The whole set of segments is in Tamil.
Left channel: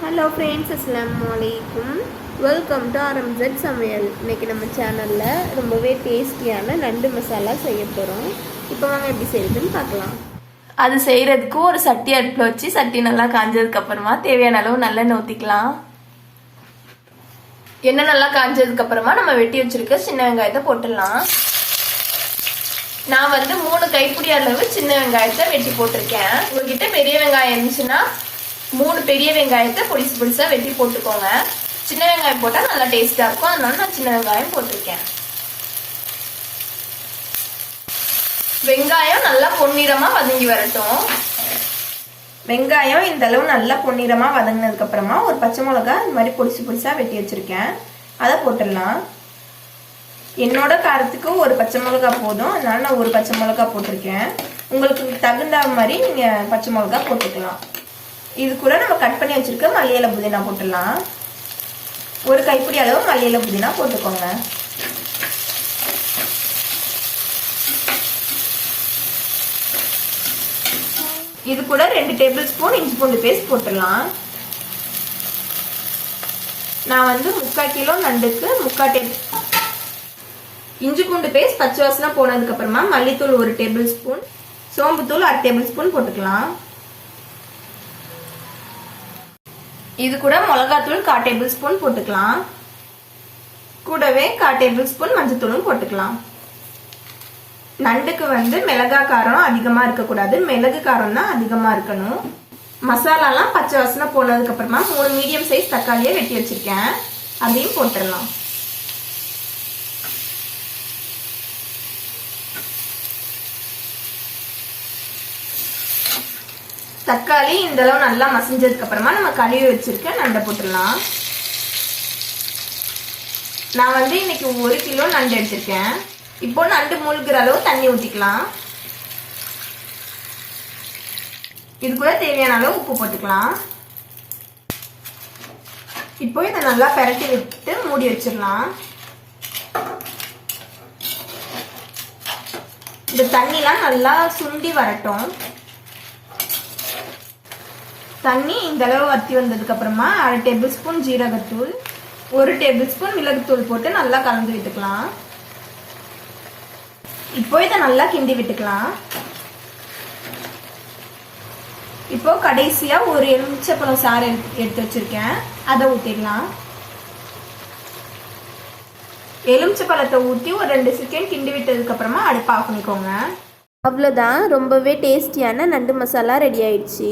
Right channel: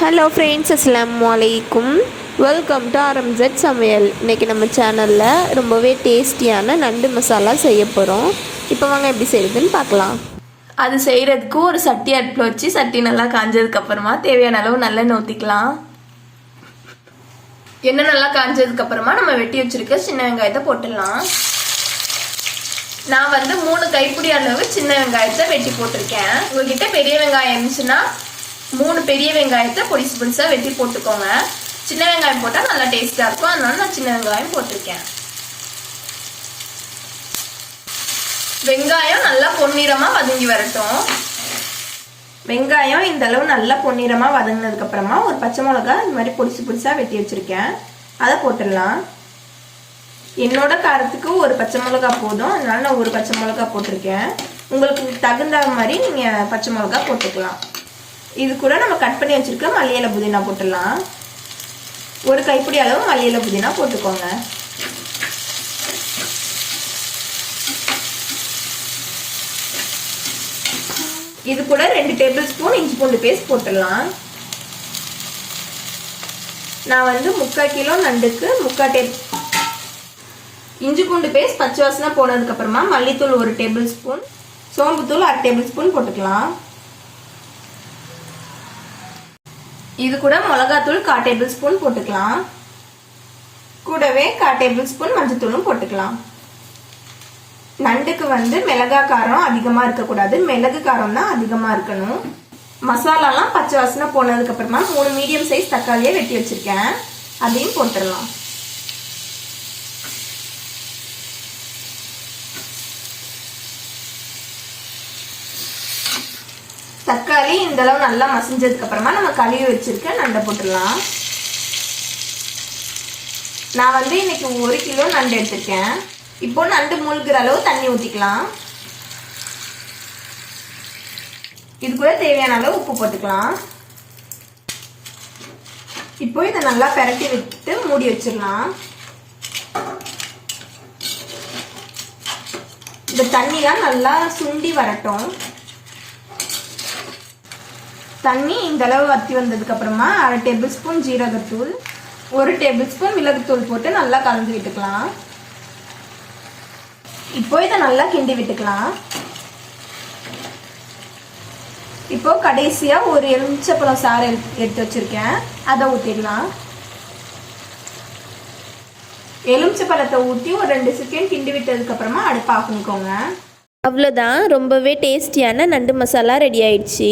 ஹலோ ஃப்ரெண்ட்ஸ் அஸ்லாம் வலைக்கும் வெல்கம் டு ஆரம்ஜெட் சமையல் இன்றைக்கி நம்ம சேனலில் ரொம்பவே டேஸ்டியான நண்டு மசாலா செய்ய போகிறோம் இப்போ வாங்க எப்படி செய்யுதுன்னு பார்க்கலாம். அது செய்கிறதுக்கு ஒரு சட்டி அடுப்பில் வச்சு சட்டி நல்லா காஞ்சதுக்கப்புறமா தேவையான அளவு நல்லா நோத்திக்கலாம் எண்ணெய் நல்லா காஞ்சதுக்கப்புறமா நம்ம வெட்டி வச்சிருக்க சின்ன வெங்காயத்தை போட்டுடலாம். நான் வந்து மூணு கைப்பிடி அளவு சின்ன வெங்காயத்தை வெட்டி போட்டிருக்கேன். உங்ககிட்ட பெரிய வெங்காயம் இருந்துச்சுன்னா மூணு பெரிய வெங்காயத்தை பொடிசு பொடிசா வெட்டி போட்டுக்கோங்க. சின்ன வெங்காயம் போட்டால் நல்லா டேஸ்டா இருக்கும். அதனால நான் சின்ன வெங்காயம் போட்டிருக்கேன். வெங்காயம் நல்லா பொன்னிறமா வதங்கி வரட்டும். வெங்காயம் இந்த அளவு நல்லா பொன்னிறமா வதங்கினதுக்கு அப்புறமா ஒரு பச்சை மிளகா இந்த மாதிரி பொடிசு பொடிசா வெட்டி வச்சிருக்கேன். அதை போட்டுடலாம். என்னோட காரத்துக்கு ஒரு பச்சை மிளகா போதும். அதனால நான் ஒரு பச்சை மிளகா போட்டிருக்கேன். உங்களுக்கு தகுந்த மாதிரி நீங்க பச்சை மிளகா போட்டுக்கலாம். இது கூட நம்ம கட் பண்ணி வச்சிருக்க மல்லியில புதினா போட்டுடலாம். ஒரு கைப்பிடி அளவு மல்லியில புதினா போட்டுக்கோங்க. இது கூட ரெண்டு டேபிள் ஸ்பூன் இஞ்சி பூண்டு பேஸ்ட் போட்டுடலாம். நான் வந்து முக்கால் கிலோ நண்டுக்கு முக்கால் டேப் இஞ்சி பூண்டு பேஸ்ட் பச்சை வாசனை போனதுக்கு அப்புறமா மல்லித்தூள் ஒரு டேபிள் ஸ்பூன் சோம்புத்தூள் அரை டேபிள் ஸ்பூன் போட்டுக்கலாம். இது கூட மிளகாத்தூள் கால் டேபிள் ஸ்பூன் போட்டுக்கலாம். கூடவே கால் டேபிள் ஸ்பூன் மஞ்சத்தூளும் போட்டுக்கலாம். நண்டுக்கு வந்து மிளகா காரம் அதிகமாக இருக்கக்கூடாது. மிளகு காரம் தான் அதிகமாக இருக்கணும். மசாலாலாம் பச்சை வாசனை போனதுக்கப்புறமா மூணு மீடியம் சைஸ் தக்காளியை வெட்டி வச்சிருக்கேன். அதையும் போட்டுடலாம் தக்காளி இந்த அளவு நல்லா மசிஞ்சதுக்கு அப்புறமா நம்ம கழுவி வச்சிருக்க நண்டை போட்டுடலாம். நான் வந்து இன்னைக்கு ஒரு கிலோ நண்டு எடுத்திருக்கேன். இப்போ நண்டு மூழ்கிற அளவு தண்ணி ஊற்றிக்கலாம் இது கூட தேவையான அளவு உப்பு போட்டுக்கலாம். இப்போ இதை நல்லா பெரட்டி விட்டு மூடி வச்சிடலாம். இந்த தண்ணிலாம் நல்லா சுண்டி வரட்டும். தண்ணி இந்த அளவு வத்தி வந்ததுக்கு அப்புறமா அரை டேபிள் ஸ்பூன் ஜீரகத்தூள் ஒரு டேபிள் ஸ்பூன் மிளகுத்தூள் போட்டு நல்லா கலந்து விட்டுக்கலாம். இப்போ இதை நல்லா கிண்டி விட்டுக்கலாம். இப்போ கடைசியா ஒரு எலுமிச்சப்பழம் சாறு எடுத்து வச்சிருக்கேன். அதை ஊத்திடலாம். எலுமிச்சப்பழத்தை ஊற்றி ஒரு ரெண்டு செகண்ட் கிண்டி விட்டதுக்கு அப்புறமா அடுப்பு அவ்வளோதான். ரொம்பவே டேஸ்டியான நண்டு மசாலா ரெடி ஆயிடுச்சு.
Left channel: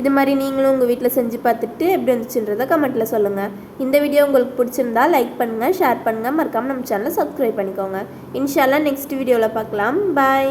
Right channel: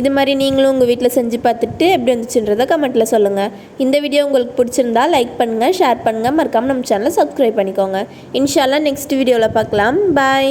இது மாதிரி நீங்களும் உங்கள் வீட்டில் செஞ்சு பார்த்துட்டு எப்படி வந்துச்சுன்றதை கமெண்ட்டில் சொல்லுங்கள் இந்த வீடியோ உங்களுக்கு பிடிச்சிருந்தா லைக் பண்ணுங்கள் ஷேர் பண்ணுங்கள் மறக்காமல் நம்ம சேனலை சப்ஸ்கிரைப் பண்ணிக்கோங்க. இன்ஷால்லாம் நெக்ஸ்ட் வீடியோவில் பார்க்கலாம். பாய்